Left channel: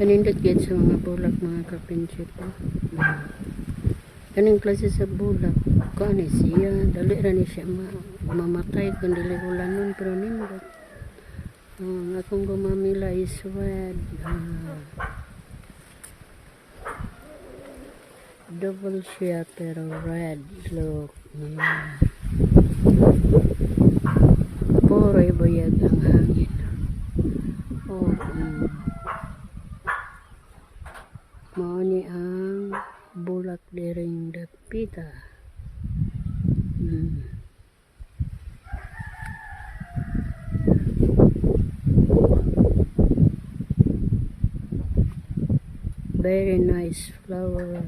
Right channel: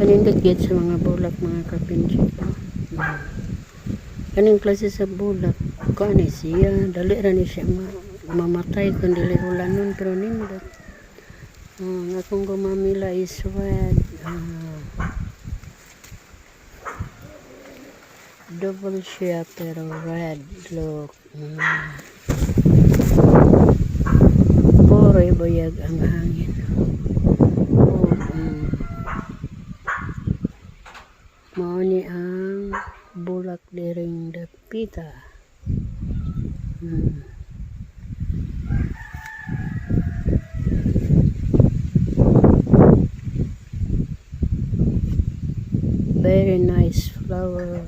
Kanindot gid sa mga bulak mga kapinche. Kaning klase sa bulak ko ani siya dali ra ni siya mamatay kun dili ulanon pero nindot. Ang akong gumamila is red. Double siya pero red look. Puro buyag ang hangin. Mao ni ang bulak diring dapita. Very nice flower.